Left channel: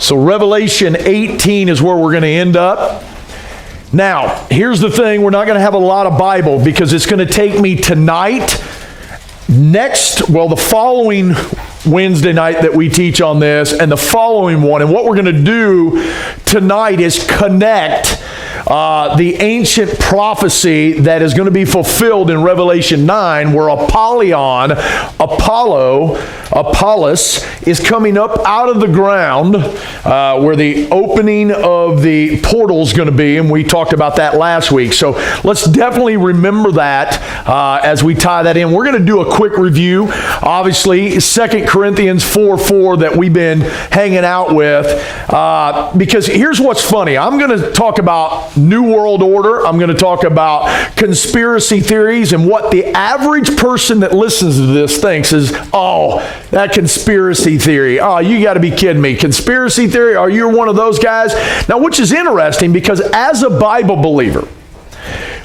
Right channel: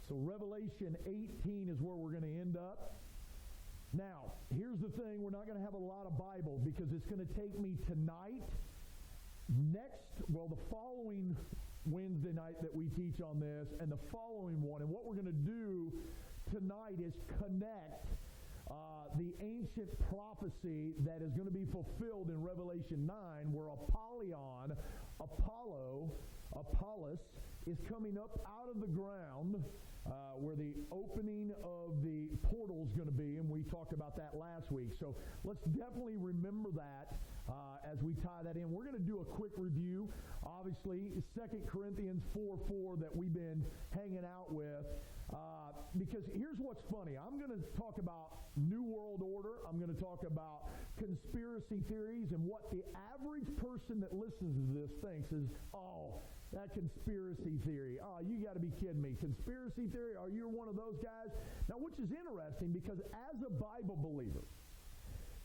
So Revelation 18 is where we're going to end up. Now, here's the thing. We're not going to have a lot of Bible because it's going to take me tonight, the following Wednesday night that we teach on this, and the following one. And what we're going to do tonight is connect the ancient prophecy that is going to be fulfilled in Revelation 9, where Apollyon, Apollos, is coming up out of the ground, where the opening of the portal is going to be, and we talked about that last week. So let's definitely remember that as we tie that in. We're going to do a quick review. Obviously, 2 Corinthians 4:4 that we've been hanging out with, because here's what's funny. I'm going to talk about New World Order. I'm going to talk about conspiracy theories, and what the average person that listens to this thinks is, oh, that conspiracy theory. Oh, you got to be kidding me. Conspiracy theory? Are you one of those guys? Now, which is interesting because as a Bible believer,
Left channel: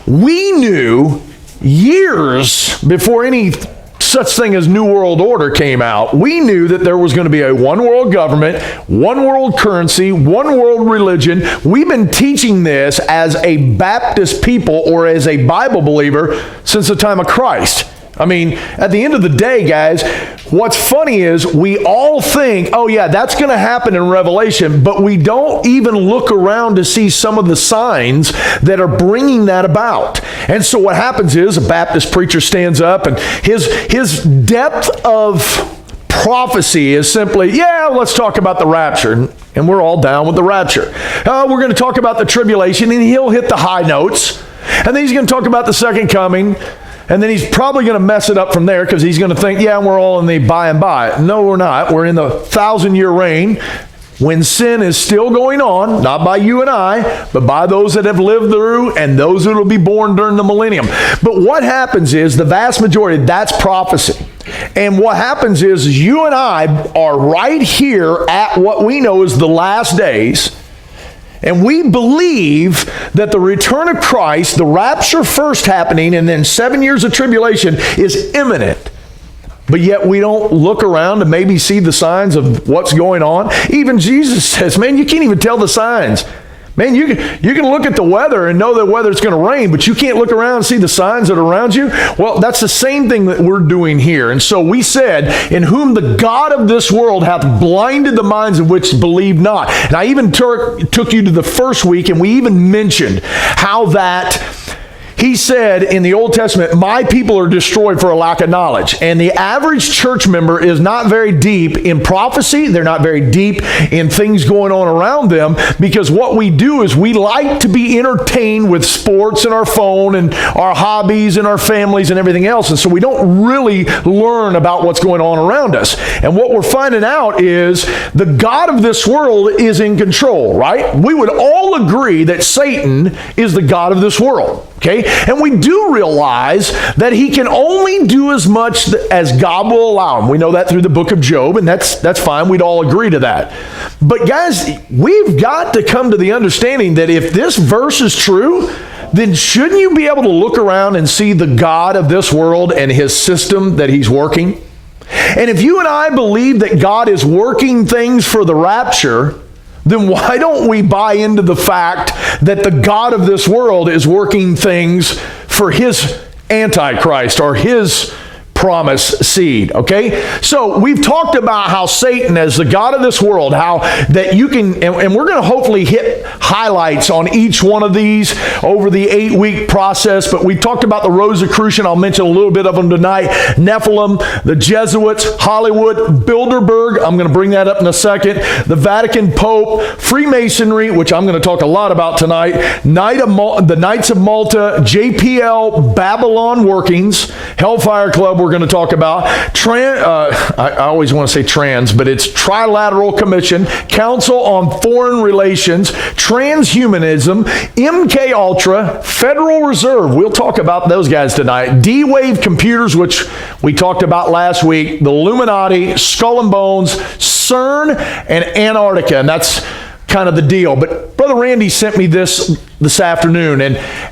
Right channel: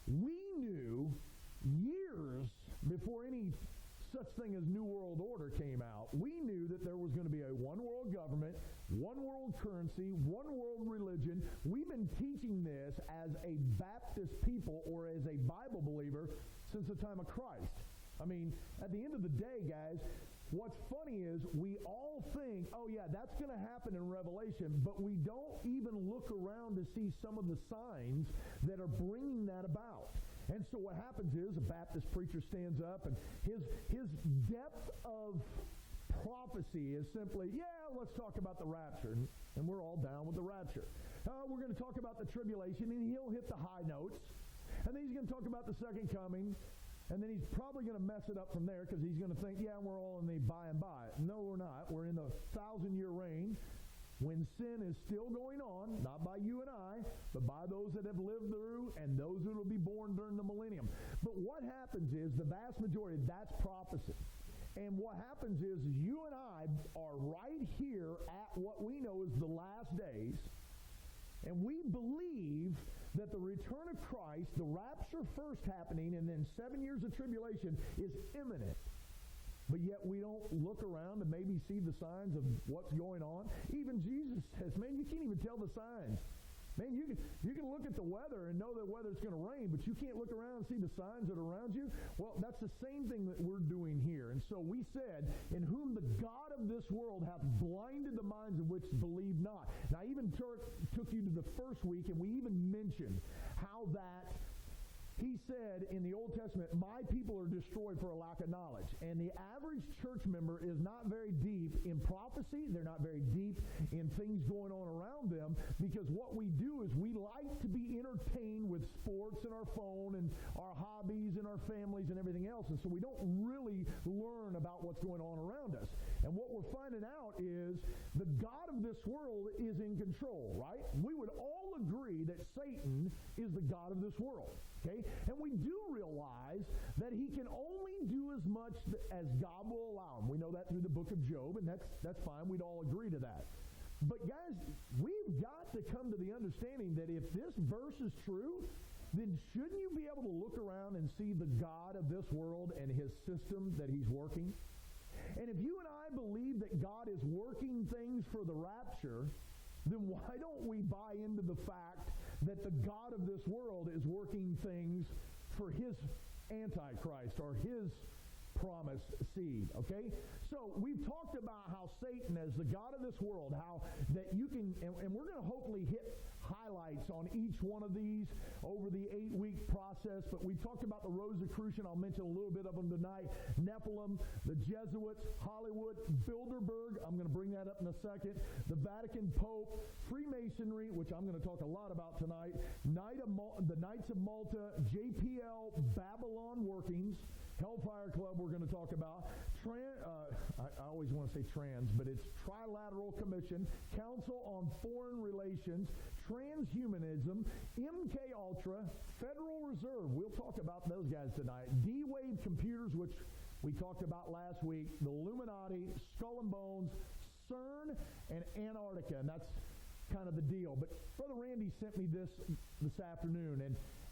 we knew years before any such thing as New World Order came out, we knew that there was going to be a one world government, one world currency, one world religion. We've been teaching this as a Baptist people or as a Bible believer since the time of Christ. I mean, at the end of the day, guys, what's funny is we all think, oh yeah, that's going to happen in Revelation, but we don't even look around to see some of the signs that are bringing that about. And so what happens is a Baptist preacher stands up, and his depth of prophecy is simply, yeah, let's talk about the rapture. And we're all down with the rapture. We're going to talk about the tribulation, and he'll hit the high notes. And then he's going to talk about the second coming. And then he's probably going to mess it up from there because he's going to think, yeah, we're all in the by and by. No, we're not. We're in the 1,000-year reign when sin is still going on, not by you and I, but by those that have lived through and those that will be born during the millennium. But what happens is the vast majority, that's prophecy. And what happens is you and I are right here at what we know is the last days. And we believe that the return of Christ, the rapture first happening, and then 7 years of tribulation is imminent. But yet we don't look around to maybe see the signs of what's going on. Even Jesus says, man, you can't even tell the signs. Man, you can look at the weather and know that whether it's going to rain, but you can't look around and see the signs that are around you. Well, that's the same thing that we're doing here. And so we said, in whom the God of this world hath blinded the minds of which believe not. And I even took you to the first week, and we even mentioned how that he said in the Old Testament, my people are destroyed for a lack of knowledge. And the average church member is not very deep in prophecy. They're not very deep in things going on around them, because what we do is we like to be entertained with sports and our phone and our hobbies and our families and everything else. And so we don't really learn about what's going on around us. And what we're finding out is the God of this world is in control, right? We would all agree that Satan is the God of this world. Okay? And we do realize that he can only do as much as God will allow him. We know that through the book of Job, and that's fine. We'd all agree to that. But guys, we've got to come to the understanding that if this verse is true, then shouldn't you be able to look around and see the God of this world and his system that he's working? And if you and I believe that God is working things for the rapture, then why don't we buy into the fact that the God of this world is working things for his Antichrist or his promised seed, okay? So we've talked about how Satan as the God of this world, how that you can, and we're going to hopefully hit highlights on each one of these over the 8-week process, but we talked about the Rosicrucian. I'll mention a little bit of them tonight. Nephilim, the Jesuits, Hollywood, Bilderberg. I'm going to bring that up in a second. The Vatican Pope, Freemasonry, which I'm going to talk a lot about tonight. The Knights of Malta, JPL, Babylon Workings, Hellfire Club, we're going to talk about. I always want to say trans, but it's Trilateral Commission, Council on Foreign Relations, Transhumanism, MK Ultra, Federal Reserve. We'll talk about those guys tonight. D-Wave Computers, which we talked about last week, the Illuminati, Skull and Bones, CERN, and Antarctica. And that's kind of the deal. But Brother Randy sent me this afternoon.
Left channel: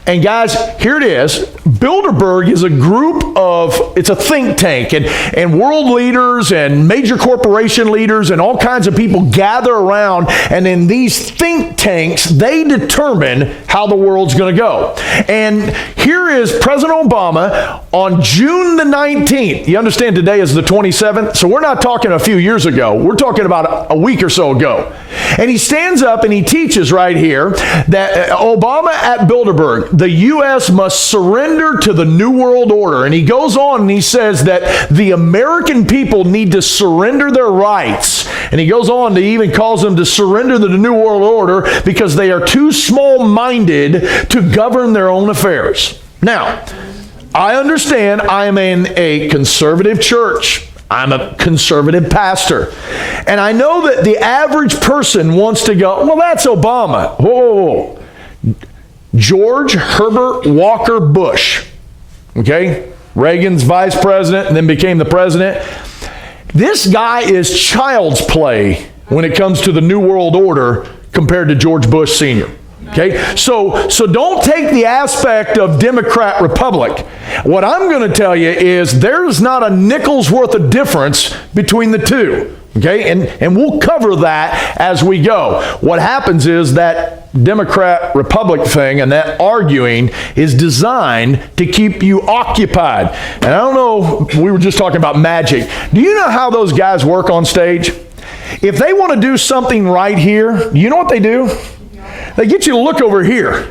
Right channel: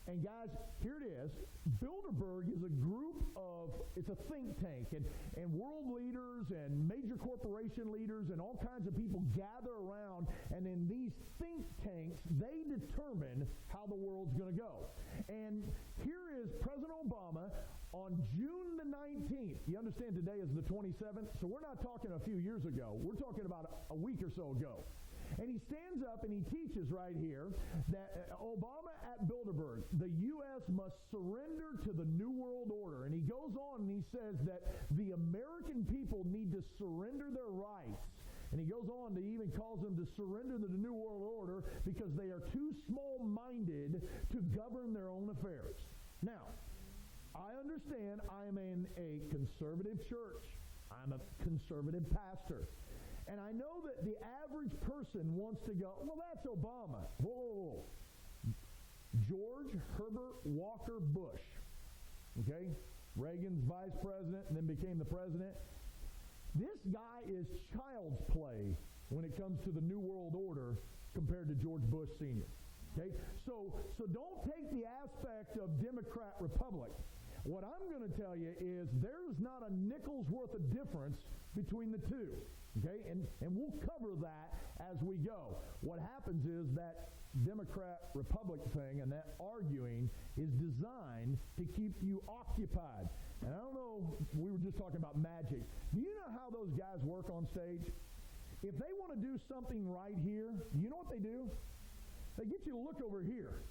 And guys, here it is. Bilderberg is a group of, it's a think tank. And world leaders and major corporation leaders and all kinds of people gather around. And in these think tanks, they determine how the world's going to go. And here is President Obama on June the 19th. You understand today is the 27th? So we're not talking a few years ago. We're talking about a week or so ago. And he stands up and he teaches right here that Obama at Bilderberg, the U.S. must surrender to the New World Order. And he goes on and he says that the American people need to surrender their rights. And he goes on to even calls them to surrender to the New World Order because they are too small-minded to govern their own affairs. Now, I understand I am in a conservative church. I'm a conservative pastor. And I know that the average person wants to go, well, that's Obama. Whoa. George Herbert Walker Bush. Okay? Reagan's vice president and then became the president. This guy is child's play when it comes to the New World Order compared to George Bush Sr. Okay, so don't take the aspect of Democrat Republic. What I'm going to tell you is there's not a nickel's worth of difference between the two. Okay, and we'll cover that as we go. What happens is that Democrat Republic thing and that arguing is designed to keep you occupied. And I don't know, we were just talking about magic. Do you know how those guys work on stage? If they want to do something right here, you know what they do? They get you to look over here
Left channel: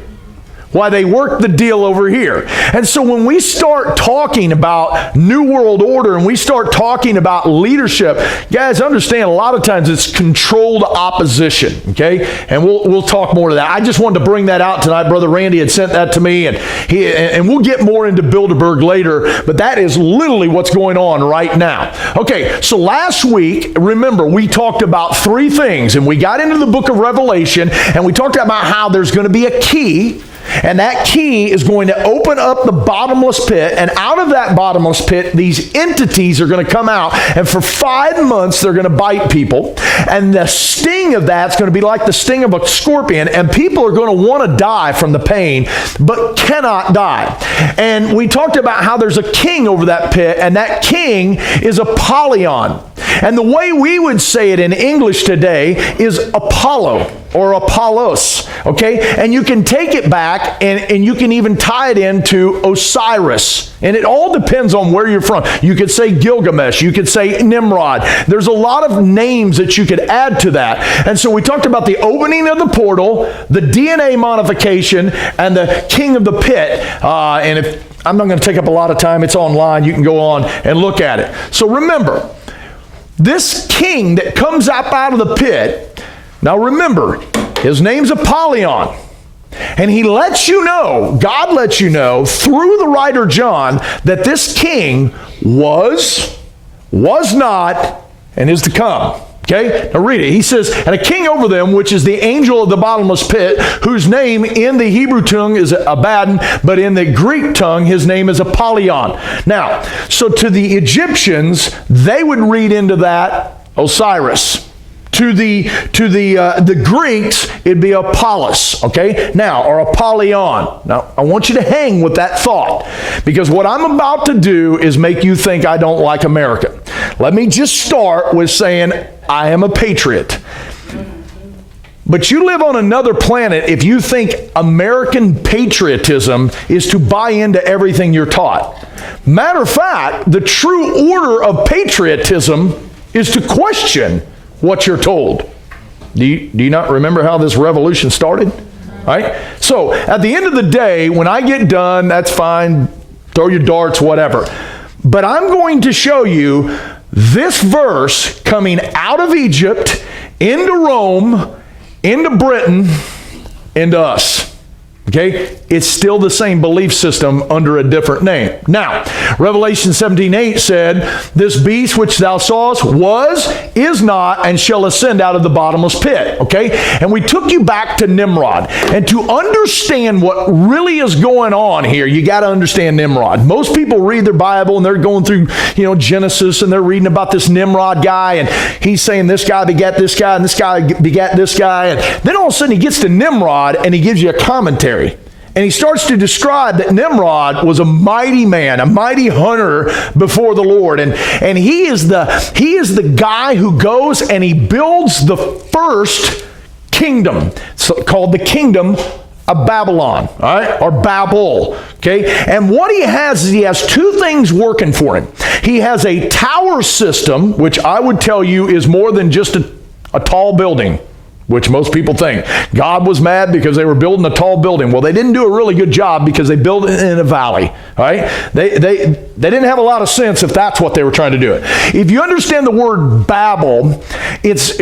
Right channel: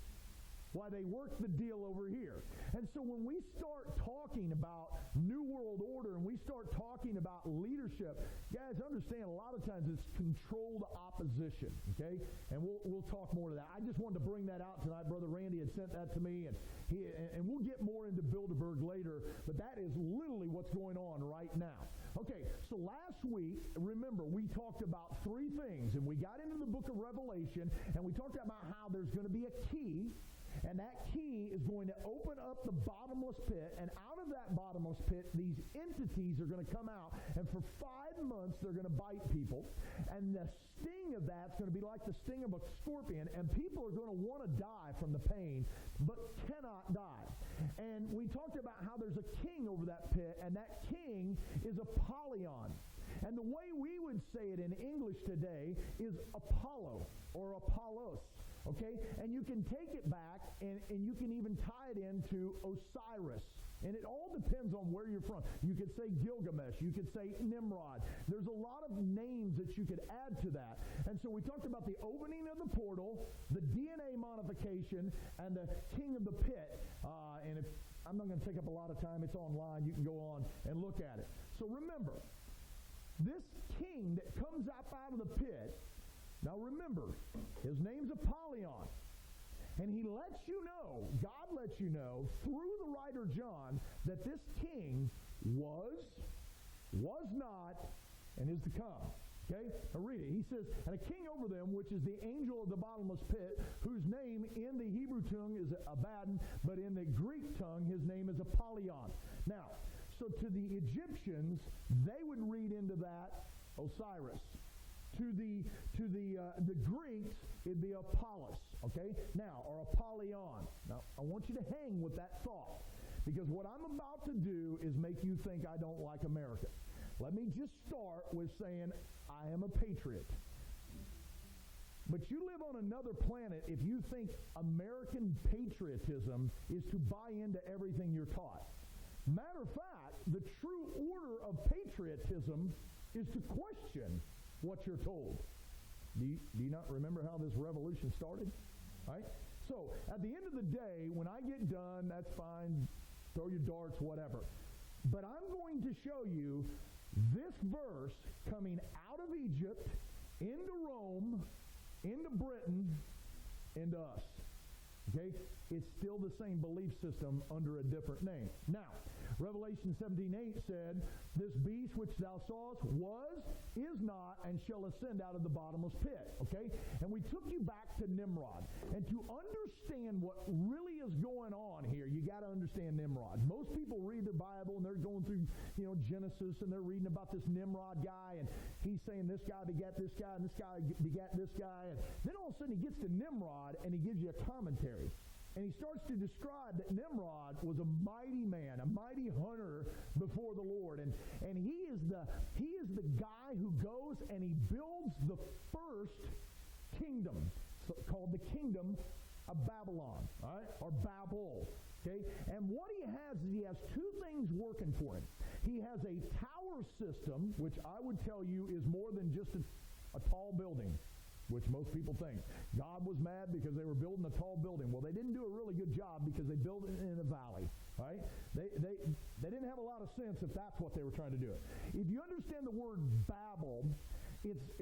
while they work the deal over here. And so when we start talking about New World Order and we start talking about leadership, guys, understand a lot of times it's controlled opposition, okay? And we'll talk more to that. I just wanted to bring that out tonight. Brother Randy had sent that to me, and we'll get more into Bilderberg later, but that is literally what's going on right now. Okay, so last week, remember, we talked about three things, and we got into the book of Revelation, and we talked about how there's going to be a key. And that key is going to open up the bottomless pit. And out of that bottomless pit, these entities are going to come out. And for 5 months, they're going to bite people. And the sting of that's going to be like the sting of a scorpion. And people are going to want to die from the pain, but cannot die. And we talked about how there's a king over that pit. And that king is Apollyon. And the way we would say it in English today is Apollo or Apollos, okay? And you can take it back and you can even tie it into Osiris. And it all depends on where you're from. You could say Gilgamesh. You could say Nimrod. There's a lot of names that you could add to that. And so we talked about the opening of the portal, the DNA modification, and the king of the pit. And if I'm not going to take up a lot of time, it's online. You can go on and look at it. So remember, this king that comes up out of the pit, now remember, his name's Apollyon. And he lets you know, God lets you know through the writer John that this king was not, and is to come. Okay? Now read it. He says, and a king over them, which is the angel of the bottomless pit, whose name in the Hebrew tongue is Abaddon, but in the Greek tongue, his name is Apollyon. Now, so to the Egyptians, they would read into that Osiris. To the Greeks, it'd be Apollos, okay? Now, or Apollyon. Now, I want you to hang with that thought, because what I'm about to do is make you think I don't like America. Let me just start with saying I am a patriot. But you live on another planet if you think American patriotism is to buy into everything you're taught. Matter of fact, the true order of patriotism is to question what you're told. Do you not remember how this revolution started? Right? So at the end of the day, when I get done, that's fine. Throw your darts, whatever. But I'm going to show you this verse coming out of Egypt, into Rome, into Britain, into us. Okay, it's still the same belief system under a different name. Now, Revelation 17:8 said, "This beast which thou sawest was, is not, and shall ascend out of the bottomless pit." Okay, and we took you back to Nimrod. And to understand what really is going on here, you got to understand Nimrod. Most people read their Bible and they're going through, Genesis, and they're reading about this Nimrod guy, and he's saying this guy begat this guy, and this guy begat this guy, and then all of a sudden he gets to Nimrod and he gives you a commentary. And he starts to describe that Nimrod was a mighty man, a mighty hunter before the Lord. And he is the guy who goes and he builds the first kingdom, called the kingdom of Babylon, all right, or Babel. Okay, and what he has is he has two things working for him. He has a tower system, which I would tell you is more than just a tall building, which most people think. God was mad because they were building a tall building. Well, they didn't do a really good job because they built it in a valley. All right? They didn't have a lot of sense if that's what they were trying to do it. If you understand the word Babel,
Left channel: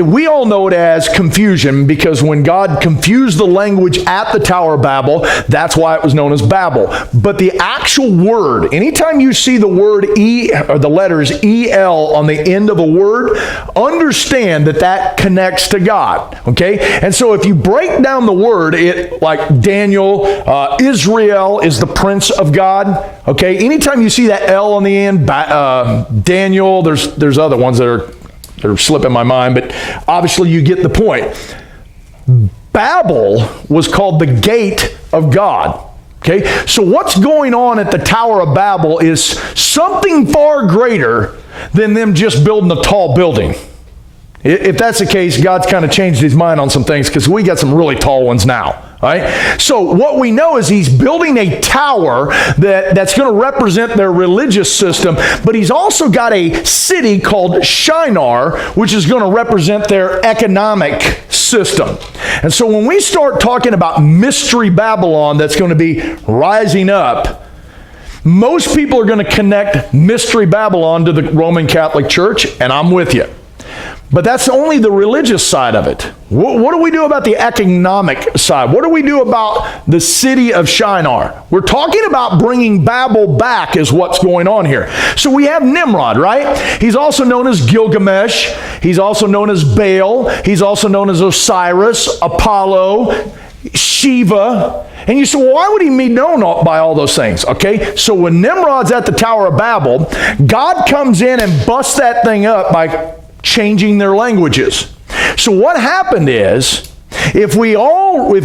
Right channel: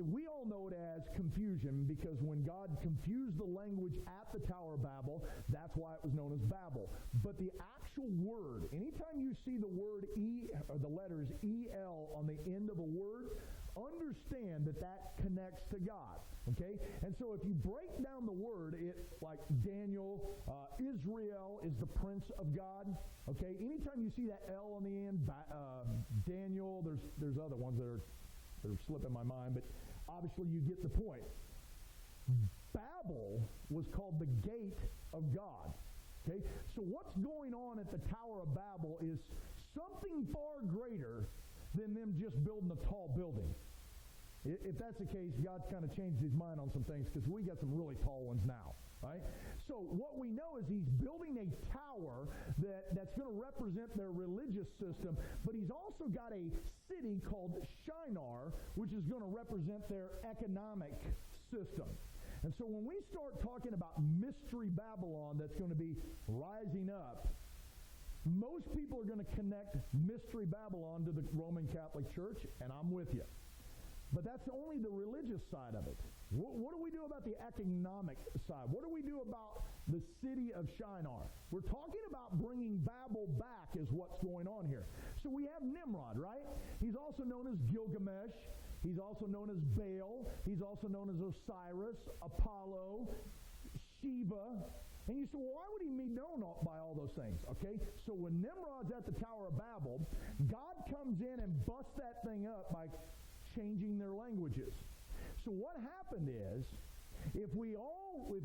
we all know it as confusion, because when God confused the language at the Tower of Babel, that's why it was known as Babel. But the actual word, anytime you see the word E or the letters EL on the end of a word, understand that connects to God. Okay, and so if you break down the word, like Daniel, Israel is the prince of God. Okay, anytime you see that L on the end, Daniel, there's other ones that are slipping my mind, but obviously you get the point. Babel was called the gate of God. Okay, so what's going on at the Tower of Babel is something far greater than them just building a tall building. If that's the case, God's kind of changed his mind on some things, because we got some really tall ones now. All right? So what we know is he's building a tower that's going to represent their religious system, but he's also got a city called Shinar, which is going to represent their economic system. And so when we start talking about Mystery Babylon that's going to be rising up, most people are going to connect Mystery Babylon to the Roman Catholic Church, and I'm with you. But that's only the religious side of it. What do we do about the economic side? What do we do about the city of Shinar? We're talking about bringing Babel back is what's going on here. So we have Nimrod, right? He's also known as Gilgamesh. He's also known as Baal. He's also known as Osiris, Apollo, Shiva. And you say, well, why would he be known by all those things? Okay, so when Nimrod's at the Tower of Babel, God comes in and busts that thing up by changing their languages. So what happened is, if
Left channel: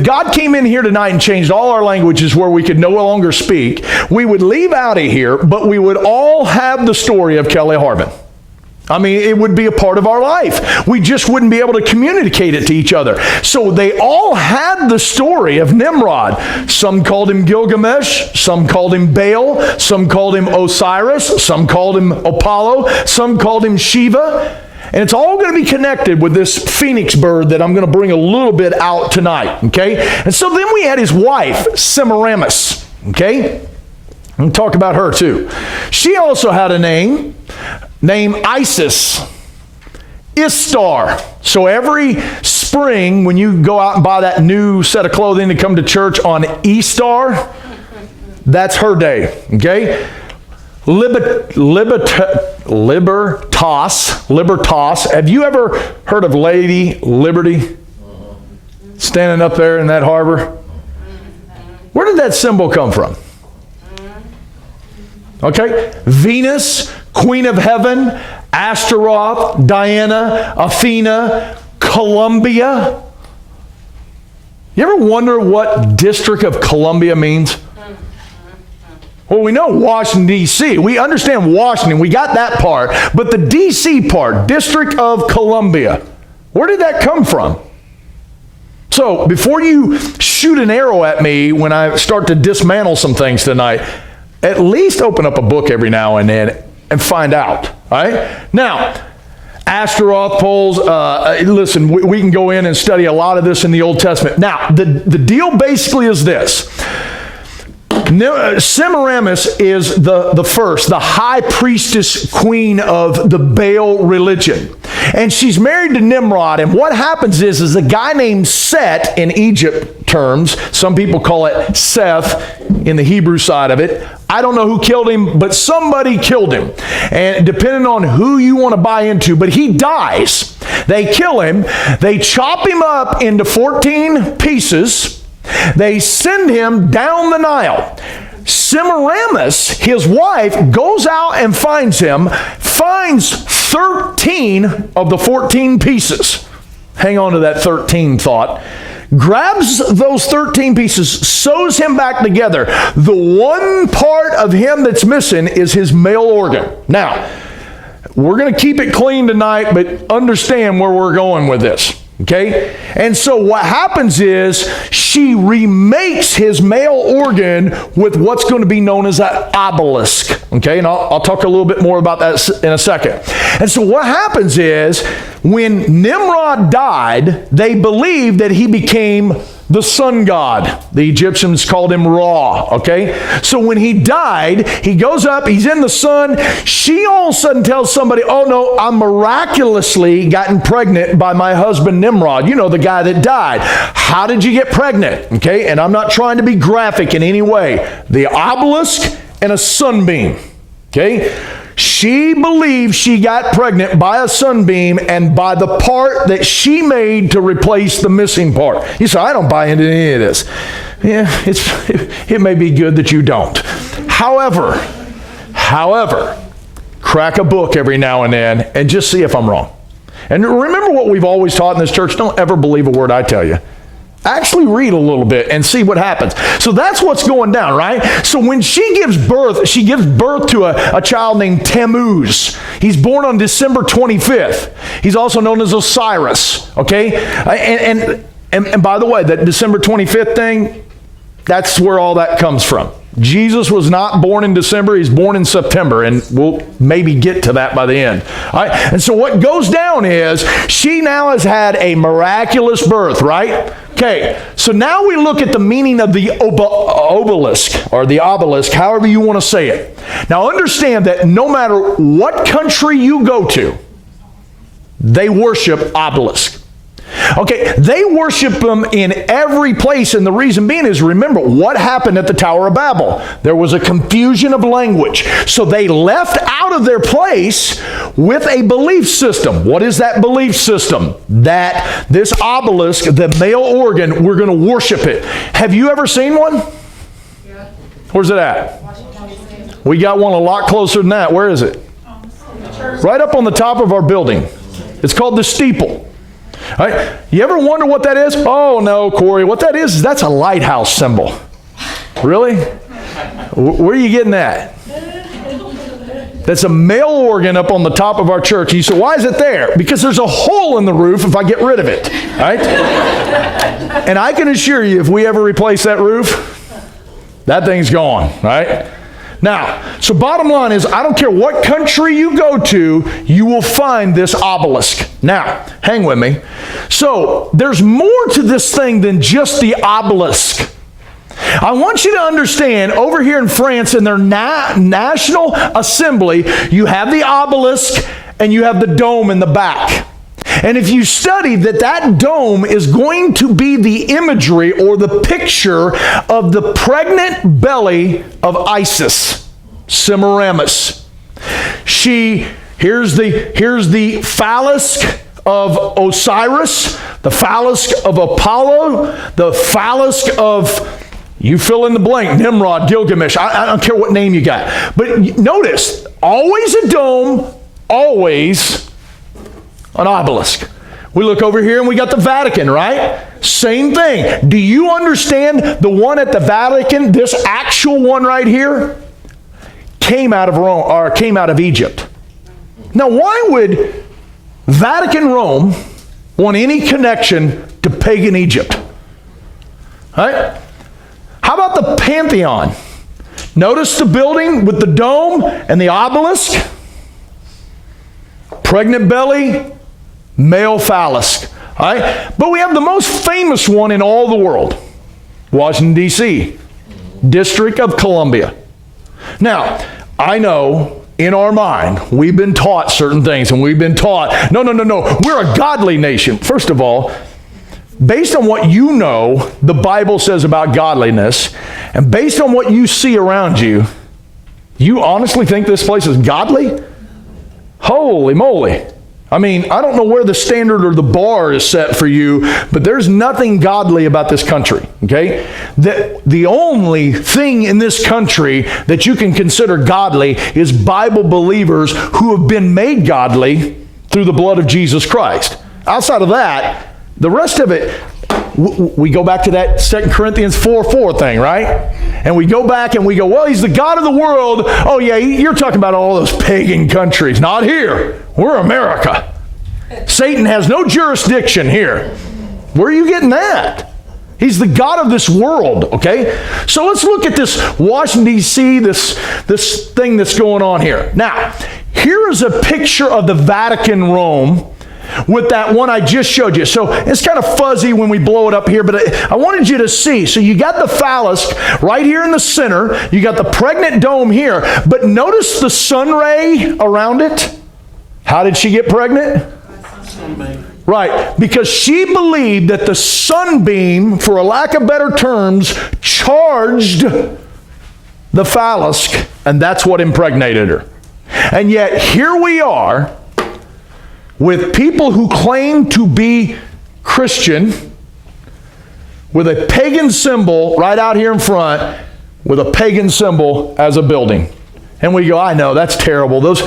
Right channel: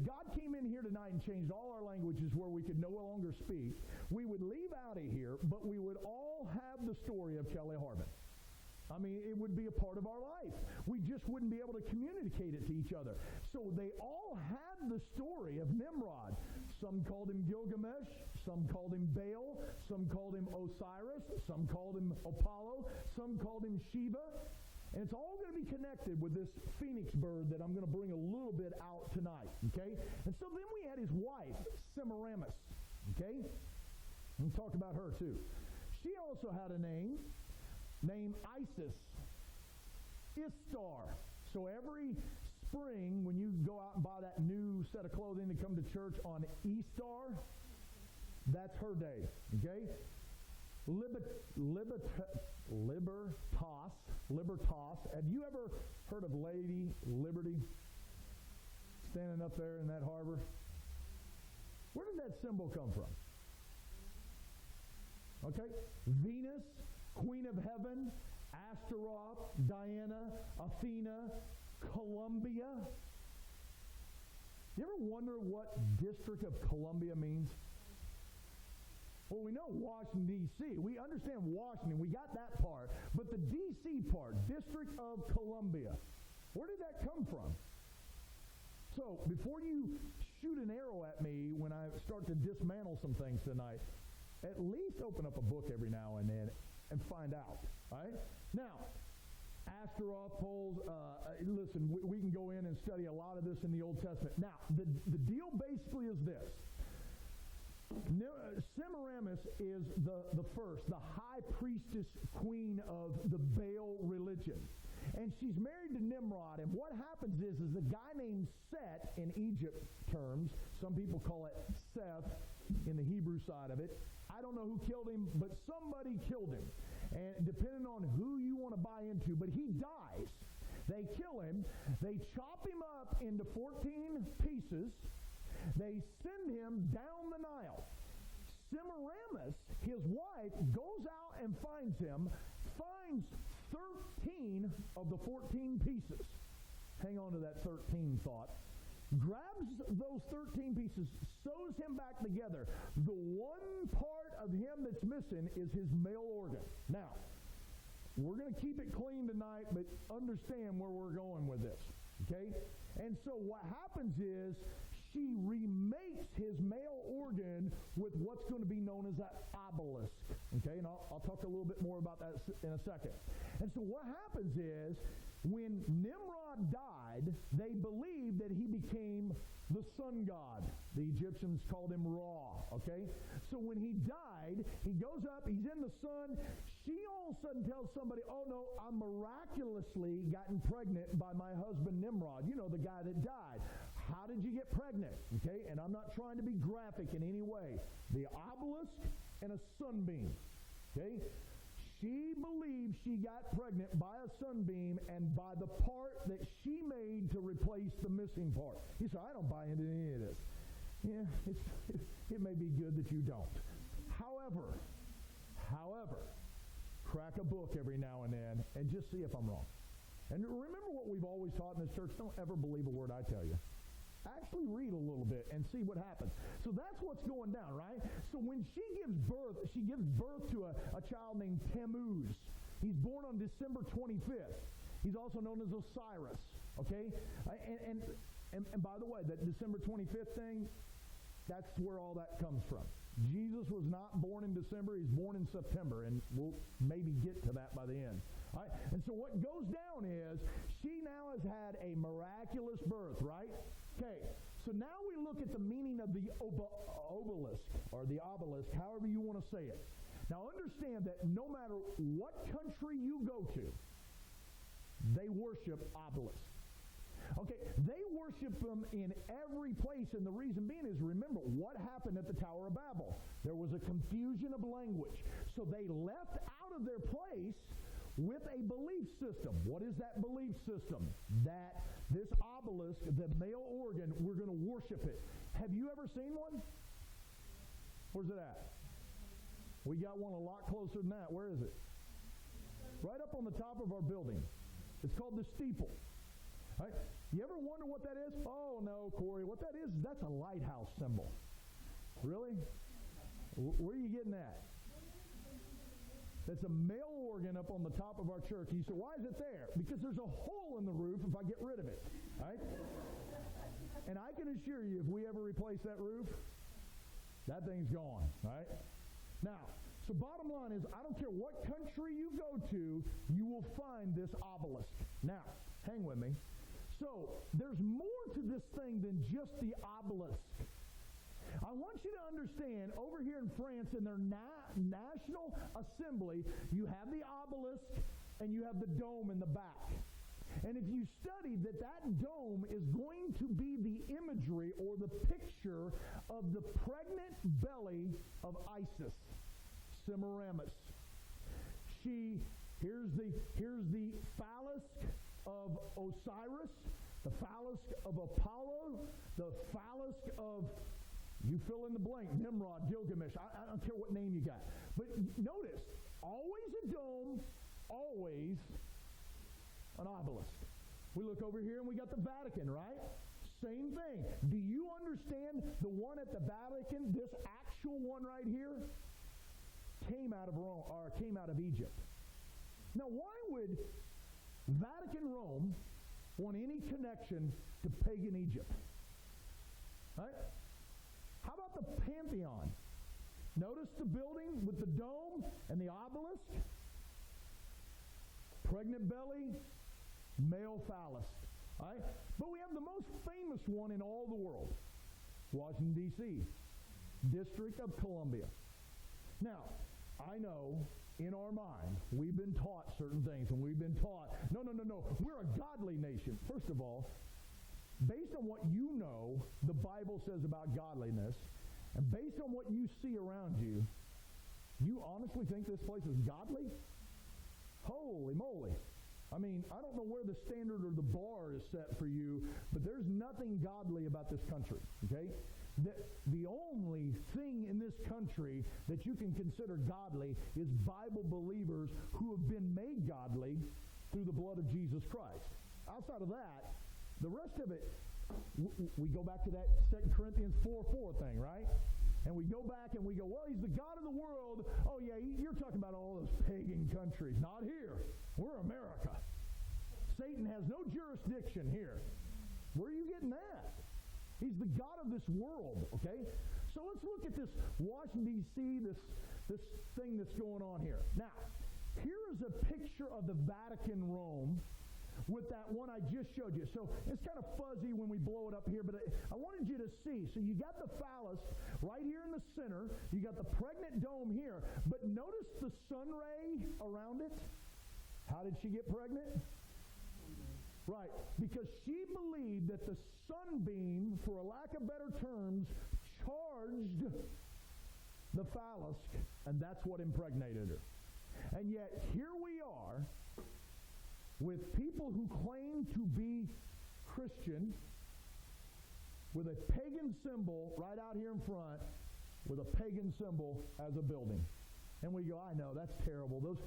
God came in here tonight and changed all our languages where we could no longer speak, we would leave out of here, but we would all have the story of Kelly Harbin. I mean, it would be a part of our life. We just wouldn't be able to communicate it to each other. So they all had the story of Nimrod. Some called him Gilgamesh, some called him Baal, some called him Osiris, some called him Apollo, some called him Shiva. And it's all going to be connected with this phoenix bird that I'm going to bring a little bit out tonight, okay? And so then we had his wife, Semiramis, okay? I'm going to talk about her too. She also had a name named Isis, Istar. So every spring when you go out and buy that new set of clothing to come to church on Easter, that's her day, okay? Libertas. Have you ever heard of Lady Liberty standing up there in that harbor? Where did that symbol come from? Okay, Venus, Queen of Heaven, Astaroth, Diana, Athena, Columbia. You ever wonder what District of Columbia means? Well, we know Washington, D.C. We understand Washington. We got that part. But the D.C. part, District of Columbia, where did that come from? So before you shoot an arrow at me when I start to dismantle some things tonight, at least open up a book every now and then and find out. All right? Now, Astaroth poles, listen, we can go in and study a lot of this in the Old Testament. Now, the deal basically is this. Semiramis is the first, the high priestess queen of the Baal religion. And she's married to Nimrod. And what happens is a guy named Set in Egypt terms, some people call it Seth in the Hebrew side of it. I don't know who killed him, but somebody killed him. And depending on who you want to buy into, but he dies. They kill him. They chop him up into 14 pieces. They send him down the Nile. Semiramis, his wife, goes out and finds him, finds 13 of the 14 pieces. Hang on to that 13 thought. Grabs those 13 pieces, sews him back together. The one part of him that's missing is his male organ. Now, we're going to keep it clean tonight, but understand where we're going with this. Okay? And so what happens is she remakes his male organ with what's going to be known as an obelisk. Okay? And I'll talk a little bit more about that in a second. And so what happens is when Nimrod died, they believed that he became the sun god. The Egyptians called him Ra, okay? So when he died, he goes up, he's in the sun. She all of a sudden tells somebody, oh no, I'm miraculously gotten pregnant by my husband Nimrod. You know, the guy that died. How did you get pregnant? Okay, and I'm not trying to be graphic in any way. The obelisk and a sunbeam, okay? She believes she got pregnant by a sunbeam and by the part that she made to replace the missing part. You say, I don't buy into any of this. Yeah, it may be good that you don't. However, crack a book every now and then and just see if I'm wrong. And remember what we've always taught in this church, don't ever believe a word I tell you. Actually read a little bit and see what happens. So that's what's going down, right? So when she gives birth to a child named Tammuz. He's born on December 25th. He's also known as Osiris, okay? And by the way, that December 25th thing, that's where all that comes from. Jesus was not born in December, he's born in September, and we'll maybe get to that by the end. All right? And so what goes down is she now has had a miraculous birth, right? Okay, so now we look at the meaning of the obelisk, or the obelisk, however you want to say it. Now understand that no matter what country you go to, they worship obelisk. Okay, they worship them in every place, and the reason being is, remember what happened at the Tower of Babel. There was a confusion of language, so they left out of their place with a belief system. What is that belief system? That this obelisk, the male organ, we're going to worship it. Have you ever seen one? Yeah. Where's it at? We got one a lot closer than that. Where is it? Right up on the top of our building. It's called the steeple. All right. You ever wonder what that is? Oh no, Corey, what that is that's a lighthouse symbol. Really? Where are you getting that? That's a male organ up on the top of our church. You say, why is it there? Because there's a hole in the roof if I get rid of it. Right? And I can assure you, if we ever replace that roof, that thing's gone. Right? Now, so bottom line is, I don't care what country you go to, you will find this obelisk. Now, hang with me. So, there's more to this thing than just the obelisk. I want you to understand, over here in France, in their National Assembly, you have the obelisk and you have the dome in the back. And if you study that dome is going to be the imagery or the picture of the pregnant belly of Isis, Semiramis. Here's the phallus of Osiris, the phallus of Apollo, the phallus of, you fill in the blank, Nimrod, Gilgamesh, I don't care what name you got. But notice, always a dome, always an obelisk. We look over here and we got the Vatican, right? Same thing. Do you understand the one at the Vatican, this actual one right here, came out of Rome, or came out of Egypt? Now, why would Vatican Rome want any connection to pagan Egypt? Right? How about the Pantheon? Notice the building with the dome and the obelisk. Pregnant belly, male phallus. All right? But we have the most famous one in all the world. Washington, D.C., District of Columbia. Now, I know in our mind, we've been taught certain things, and we've been taught, no, we're a godly nation. First of all, based on what you know the Bible says about godliness, and based on what you see around you, you honestly think this place is godly? Holy moly. I mean, I don't know where the standard or the bar is set for you, but there's nothing godly about this country, okay? The only thing in this country that you can consider godly is Bible believers who have been made godly through the blood of Jesus Christ. Outside of that, the rest of it, we go back to that 2 Corinthians 4:4 thing, right? And we go back and we go, well, he's the God of the world. Oh yeah, you're talking about all those pagan countries. Not here. We're America. Satan has no jurisdiction here. Where are you getting that? He's the God of this world, okay? So let's look at this Washington, D.C., this thing that's going on here. Now, here is a picture of the Vatican, Rome, with that one I just showed you. So it's kind of fuzzy when we blow it up here, but I wanted you to see. So you got the phallus right here in the center. You got the pregnant dome here. But notice the sun ray around it. How did she get pregnant? Right, because she believed that the sunbeam, for a lack of better terms, charged the phallus, and that's what impregnated her. And yet here we are, with people who claim to be Christian, with a pagan symbol right out here in front, with a pagan symbol as a building. And we go, I know, that's terrible. Those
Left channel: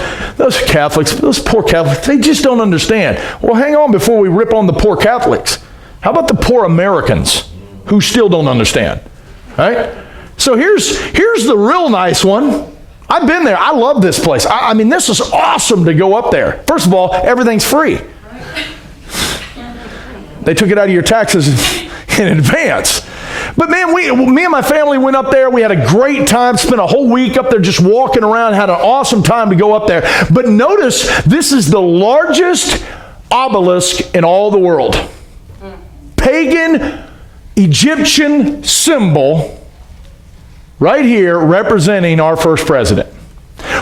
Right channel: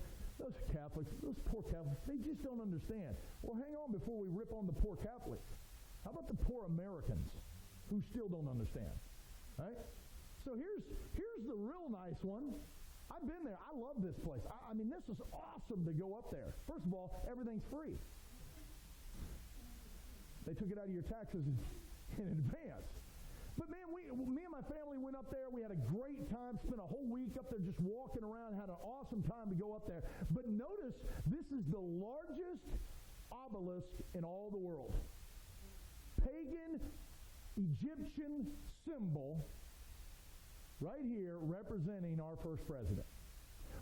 Catholics, those poor Catholics, they just don't understand. Well, hang on before we rip on the poor Catholics. How about the poor Americans who still don't understand? Right? So here's the real nice one. I've been there. I love this place. I mean, this is awesome to go up there. First of all, everything's free. They took it out of your taxes in advance. But man, me and my family went up there. We had a great time, spent a whole week up there just walking around, had an awesome time to go up there. But notice, this is the largest obelisk in all the world. Pagan Egyptian symbol right here representing our first president.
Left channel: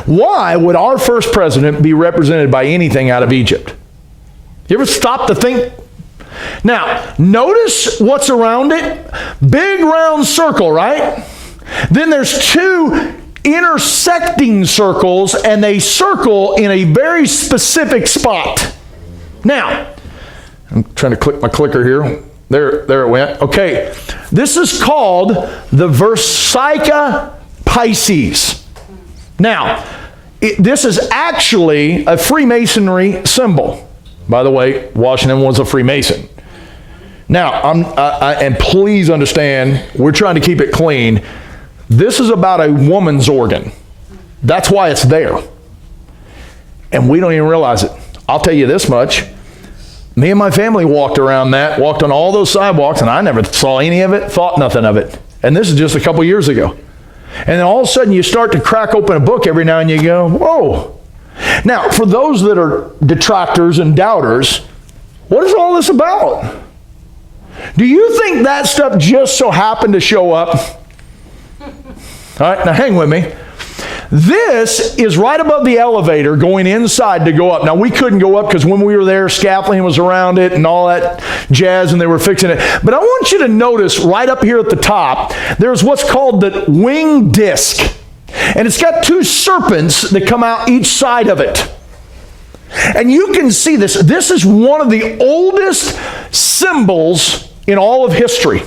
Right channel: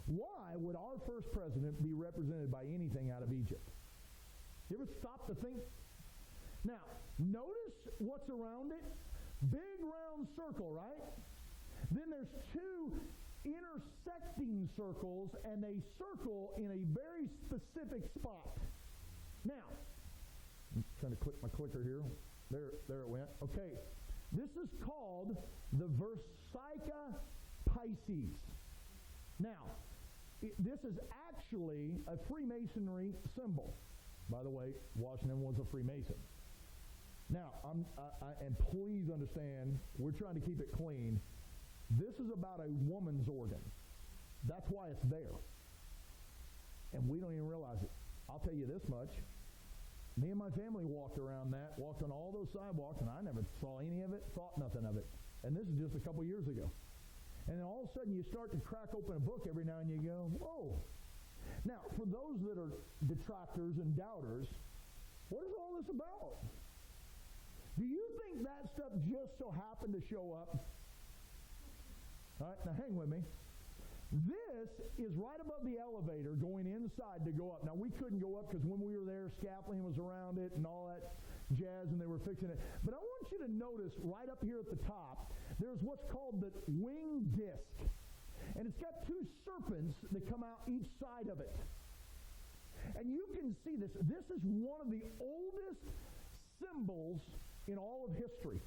Why would our first president be represented by anything out of Egypt? You ever stop to think? Now, notice what's around it. Big round circle, right? Then there's two intersecting circles, and they circle in a very specific spot. Now, I'm trying to click my clicker here. There it went. Okay, this is called the Versica Pisces. Now, this is actually a Freemasonry symbol. By the way, Washington was a Freemason. Now, and please understand, we're trying to keep it clean. This is about a woman's organ. That's why it's there. And we don't even realize it. I'll tell you this much. Me and my family walked around that, walked on all those sidewalks, and I never saw any of it, thought nothing of it. And this is just a couple years ago. And then all of a sudden you start to crack open a book every now and you go, whoa. Now, for those that are detractors and doubters, what is all this about? Do you think that stuff just so happened to show up? All right, now hang with me. This is right above the elevator going inside to go up. Now, we couldn't go up because when we were there, scaffolding was around it and all that jazz, and they were fixing it. But I want you to notice right up here at the top, there's what's called the wing disc. And it's got two serpents that come out each side of it. And you can see this. This is one of the oldest symbols in all of history.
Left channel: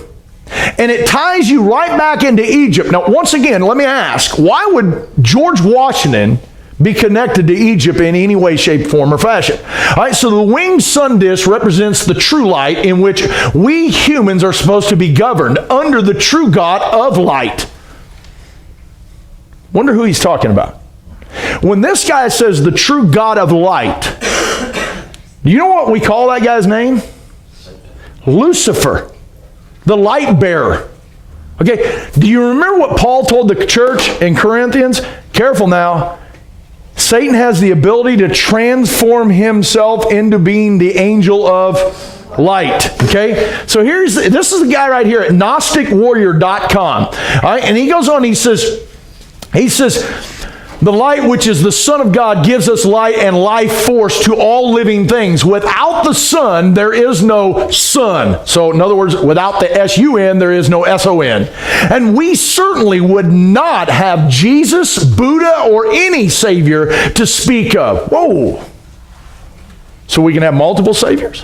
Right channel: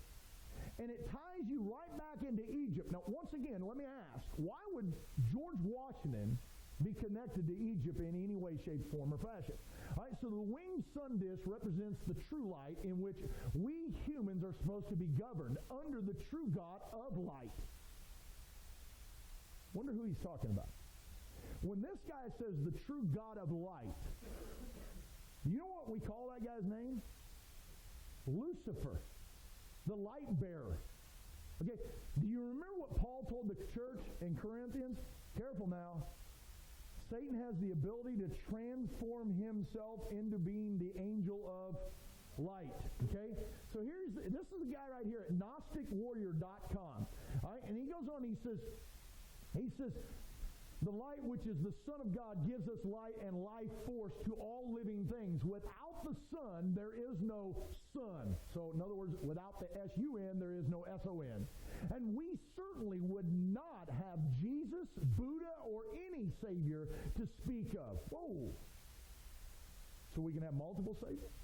And it ties you right back into Egypt. Now, once again, let me ask, why would George Washington be connected to Egypt in any way, shape, form, or fashion? All right, so the winged sun disk represents the true light in which we humans are supposed to be governed under the true God of light. Wonder who he's talking about. When this guy says the true God of light, do you know what we call that guy's name? Lucifer, the light bearer. Okay, do you remember what Paul told the church in Corinthians? Careful now. Satan has the ability to transform himself into being the angel of light. Okay, so this is the guy right here at GnosticWarrior.com. All right, and he goes on, he says, The light, which is the Son of God, gives us light and life force to all living things. Without the Son, there is no sun. So, in other words, without the S-U-N, there is no S-O-N. And we certainly would not have Jesus, Buddha, or any Savior to speak of. Whoa! So we can have multiple Saviors?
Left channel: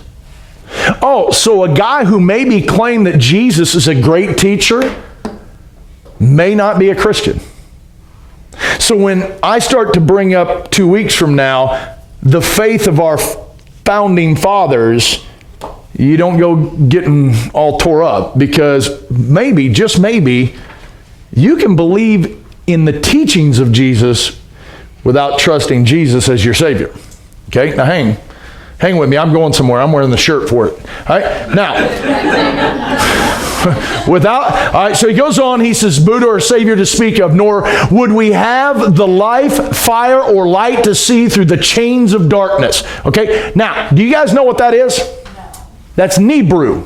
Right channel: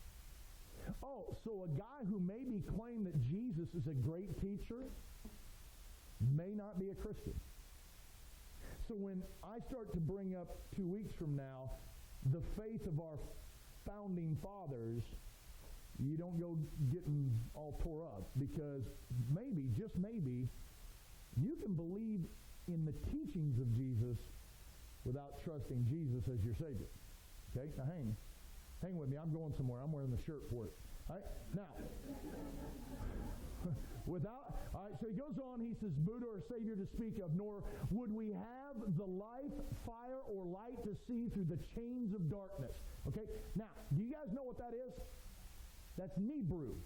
Oh, so a guy who maybe claimed that Jesus is a great teacher may not be a Christian. So when I start to bring up 2 weeks from now the faith of our founding fathers, you don't go getting all tore up, because maybe, just maybe, you can believe in the teachings of Jesus without trusting Jesus as your Savior. Okay, now hang with me. I'm going somewhere. I'm wearing the shirt for it. All right, now. All right, so he goes on, he says, Buddha or Savior to speak of, nor would we have the life, fire, or light to see through the chains of darkness. Okay, now, do you guys know what that is? That's Nebrew.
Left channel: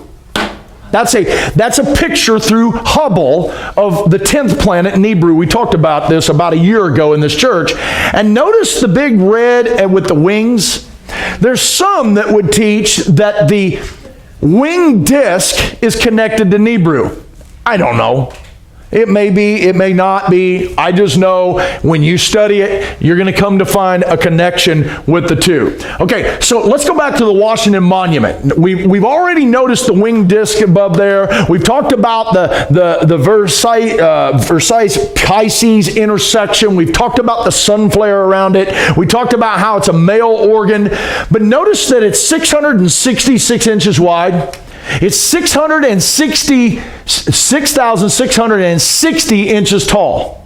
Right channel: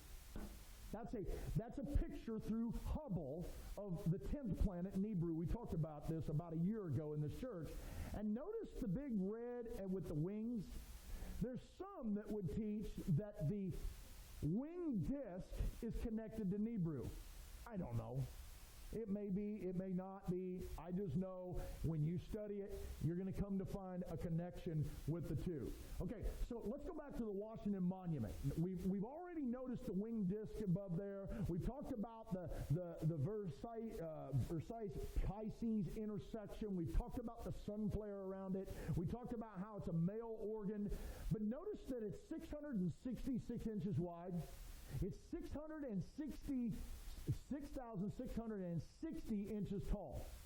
That's a picture through Hubble of the 10th planet, Nebrew. We talked about this about a year ago in this church. And notice the big red with the wings. There's some that would teach that the winged disc is connected to Nebrew. I don't know. It may be, it may not be. I just know when you study it, you're going to come to find a connection with the two. Okay, so let's go back to the Washington Monument. We've already noticed the winged disc above there. We've talked about the Versailles Pisces intersection. We've talked about the sun flare around it. We talked about how it's a male organ. But notice that it's 666 inches wide. It's 6,660 inches tall.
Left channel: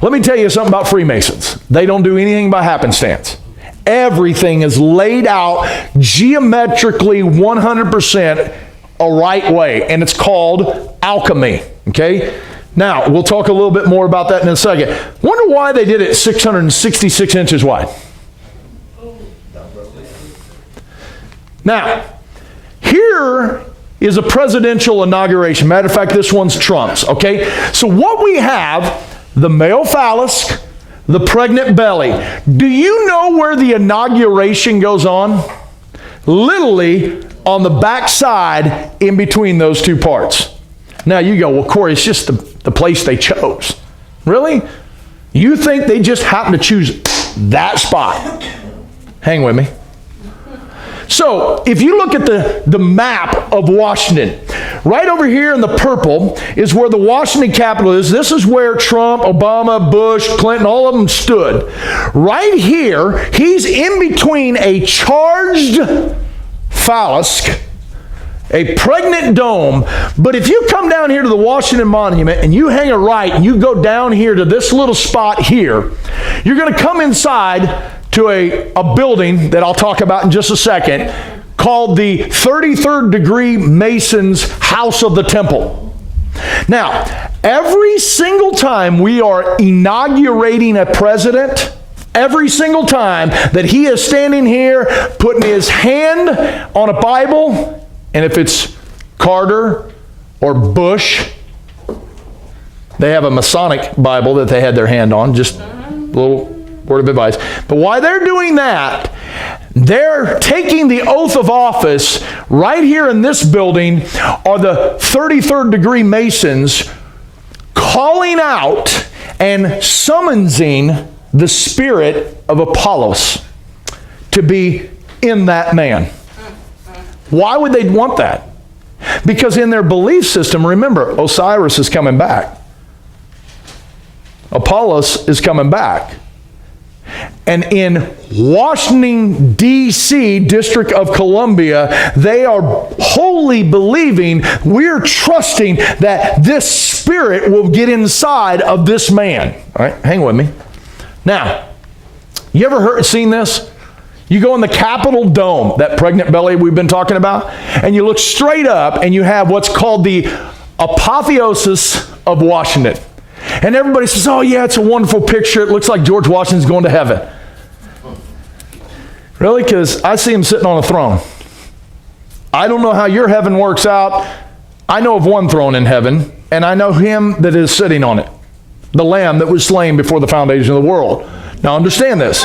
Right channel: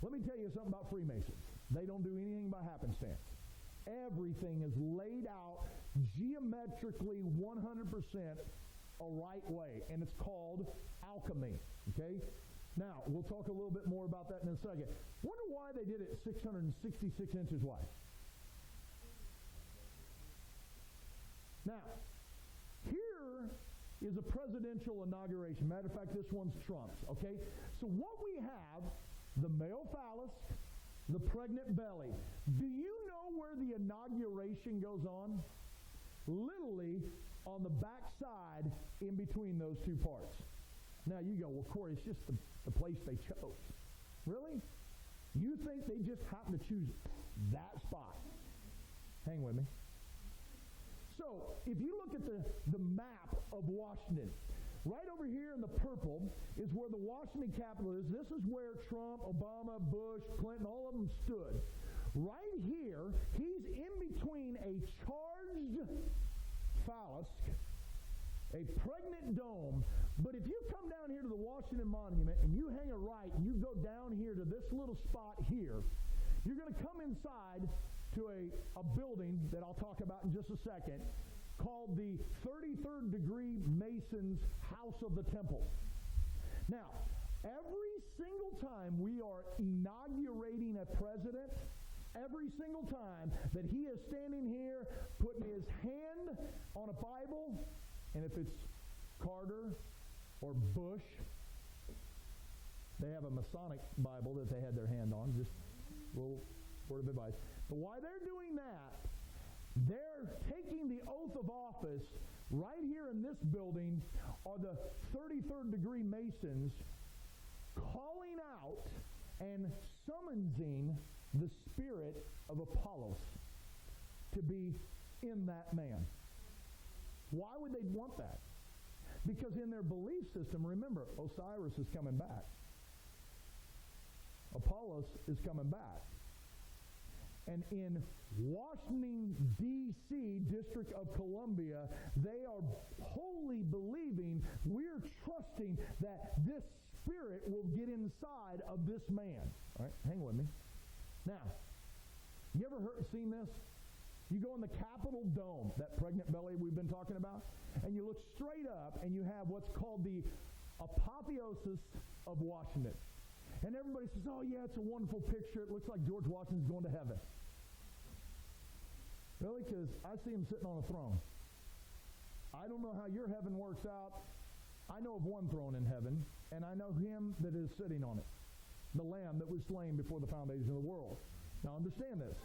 Let me tell you something about Freemasons. They don't do anything by happenstance. Everything is laid out geometrically 100% a right way, and it's called alchemy. Okay? Now, we'll talk a little bit more about that in a second. Wonder why they did it 666 inches wide. Now, here is a presidential inauguration. Matter of fact, this one's Trump's, okay? So what we have, the male phallus, the pregnant belly. Do you know where the inauguration goes on? Literally on the back side in between those two parts. Now you go, well, Corey, it's just the place they chose. Really? You think they just happened to choose that spot? Hang with me. So, if you look at the map of Washington, right over here in the purple is where the Washington Capitol is. This is where Trump, Obama, Bush, Clinton, all of them stood. Right here, he's in between a charged phallus, a pregnant dome. But if you come down here to the Washington Monument and you hang a right and you go down here to this little spot here, you're going to come inside to a building that I'll talk about in just a second, called the 33rd degree Masons House of the Temple. Now, every single time we are inaugurating a president, every single time that he is standing here putting his hand on a Bible, and if it's Carter or Bush, they have a Masonic Bible that they had their hand on, just a little word of advice. But while they're doing that, they're taking the oath of office. Right here in this building are the 33rd degree Masons calling out and summoning the spirit of Apollos to be in that man. Why would they want that? Because in their belief system, remember, Osiris is coming back. Apollos is coming back. And in Washington, D.C., District of Columbia, they are wholly believing, we're trusting that this spirit will get inside of this man. All right, hang with me. Now, you ever seen this? You go in the Capitol Dome, that pregnant belly we've been talking about, and you look straight up and you have what's called the Apotheosis of Washington. And everybody says, oh yeah, it's a wonderful picture. It looks like George Washington's going to heaven. Really? Because I see him sitting on a throne. I don't know how your heaven works out. I know of one throne in heaven, and I know him that is sitting on it. the lamb that was slain before the foundation of the world. Now understand this.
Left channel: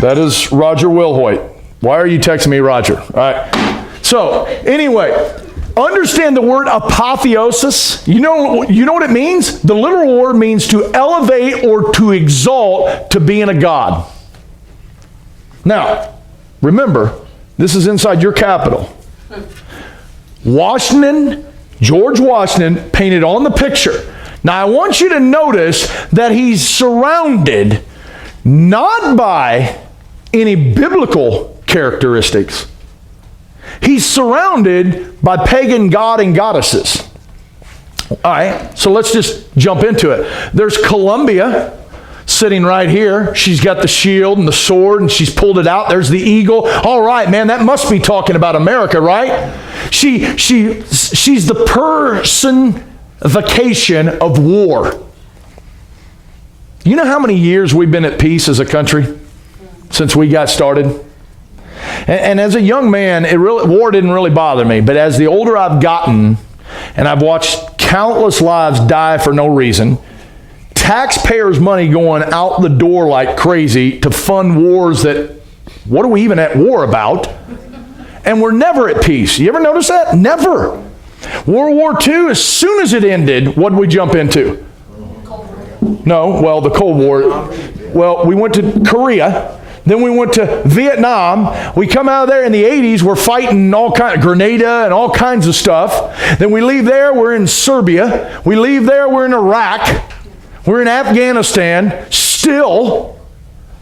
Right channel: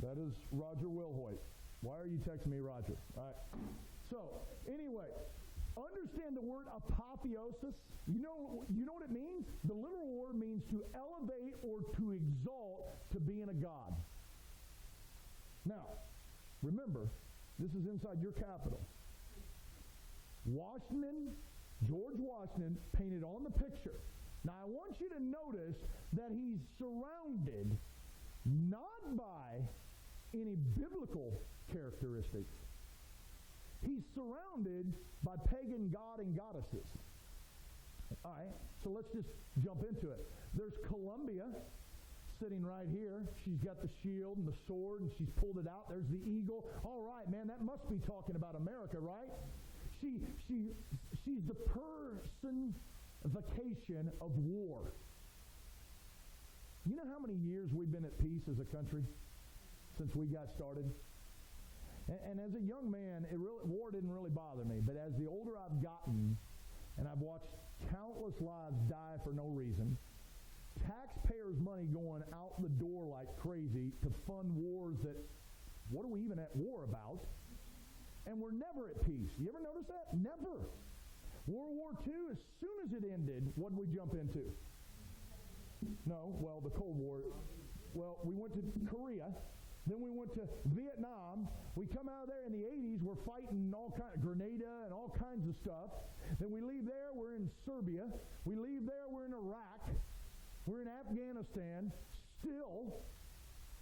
That is Roger Wilhoit. Why are you texting me, Roger? All right. So, anyway, understand the word apotheosis. You know what it means? The literal word means to elevate or to exalt to being a god. Now, remember, this is inside your capital. George Washington painted on the picture. Now, I want you to notice that he's surrounded not by any biblical characteristics. He's surrounded by pagan god and goddesses. All right, so let's just jump into it. There's Columbia sitting right here. She's got the shield and the sword, and she's pulled it out. There's the eagle. All right, man, that must be talking about America, right? She's the personification of war. You know how many years we've been at peace as a country since we got started? And as a young man, war didn't really bother me. But as the older I've gotten, and I've watched countless lives die for no reason, taxpayers' money going out the door like crazy to fund wars that, what are we even at war about? And we're never at peace. You ever notice that? Never. World War II, as soon as it ended, what did we jump into? No, well, the Cold War. Well, we went to Korea. Then we went to Vietnam. We come out of there in the 80s. We're fighting all kinds of Grenada and all kinds of stuff. Then we leave there. We're in Serbia. We leave there. We're in Iraq. We're in Afghanistan still.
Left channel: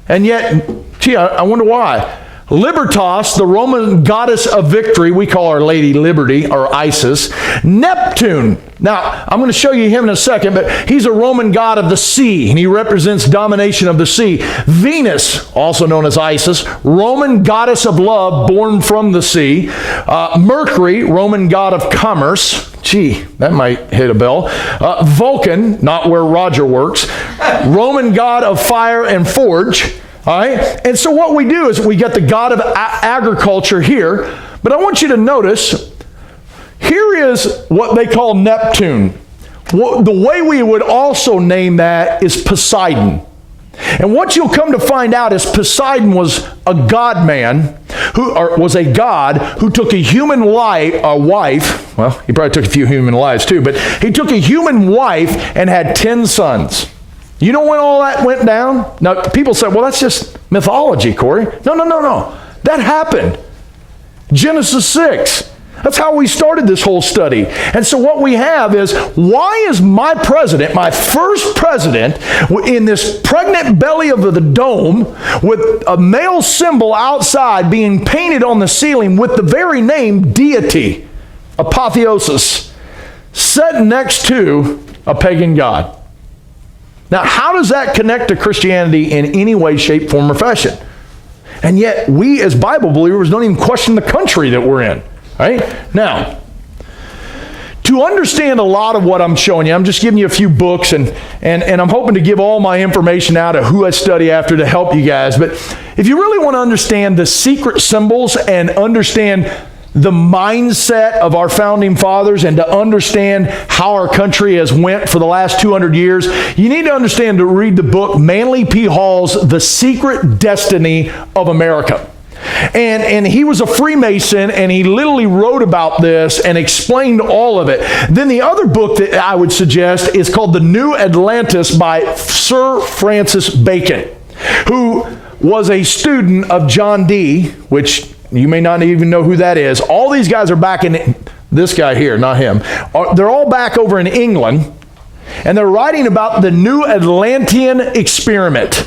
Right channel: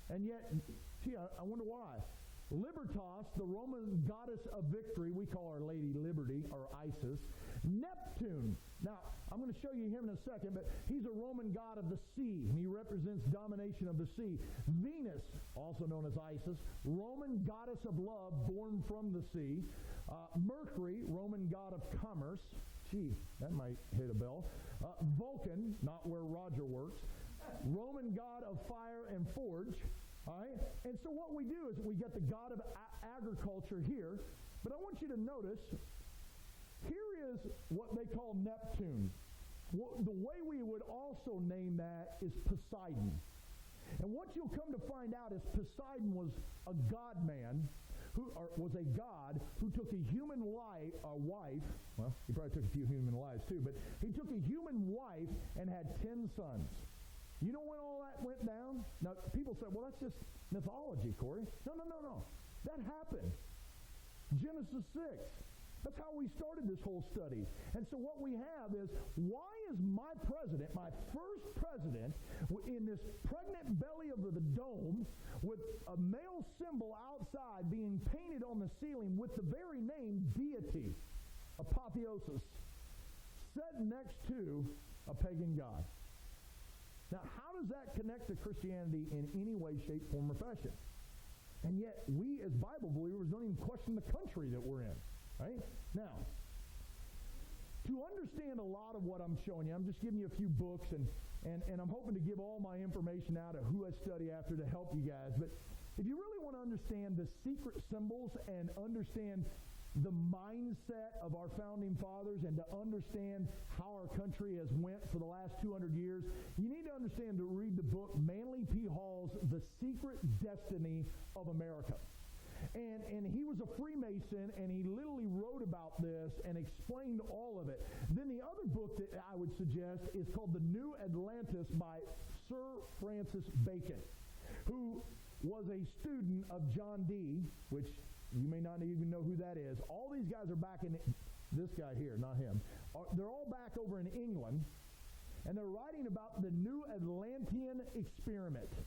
And yet, gee, I wonder why. Libertas, the Roman goddess of victory, we call our Lady Liberty, or Isis. Neptune. Now, I'm going to show you him in a second, but he's a Roman god of the sea, and he represents domination of the sea. Venus, also known as Isis, Roman goddess of love, born from the sea. Mercury, Roman god of commerce. Gee, that might hit a bell. Vulcan, not where Roger works. Roman god of fire and forge. All right? And so what we do is we get the god of agriculture here, but I want you to notice, here is what they call Neptune. The way we would also name that is Poseidon. And what you'll come to find out is Poseidon was a god-man, was a god who took a human wife, well, he probably took a few human lives too, but he took a human wife and had 10 sons. You know when all that went down? Now, people say, well, that's just mythology, Corey. No. That happened. Genesis 6. That's how we started this whole study. And so what we have is, why is my president, my first president, in this pregnant belly of the dome with a male symbol outside being painted on the ceiling with the very name deity, Apotheosis, set next to a pagan god? Now, how does that connect to Christianity in any way, shape, form, or fashion? And yet, we as Bible believers don't even question the country that we're in. Right? Now, to understand a lot of what I'm showing you, I'm just giving you a few books, and I'm hoping to give all my information out of who I study after to help you guys. But if you really want to understand the secret symbols and understand the mindset of our founding fathers and to understand how our country has went for the last 200 years, you need to understand to read the book Manly P. Hall's The Secret Destiny of America. And he was a Freemason, and he literally wrote about this and explained all of it. Then the other book that I would suggest is called The New Atlantis by Sir Francis Bacon, who was a student of John Dee, which you may not even know who that is. All these guys are back in, this guy here, not him. They're all back over in England, and they're writing about the New Atlantean experiment.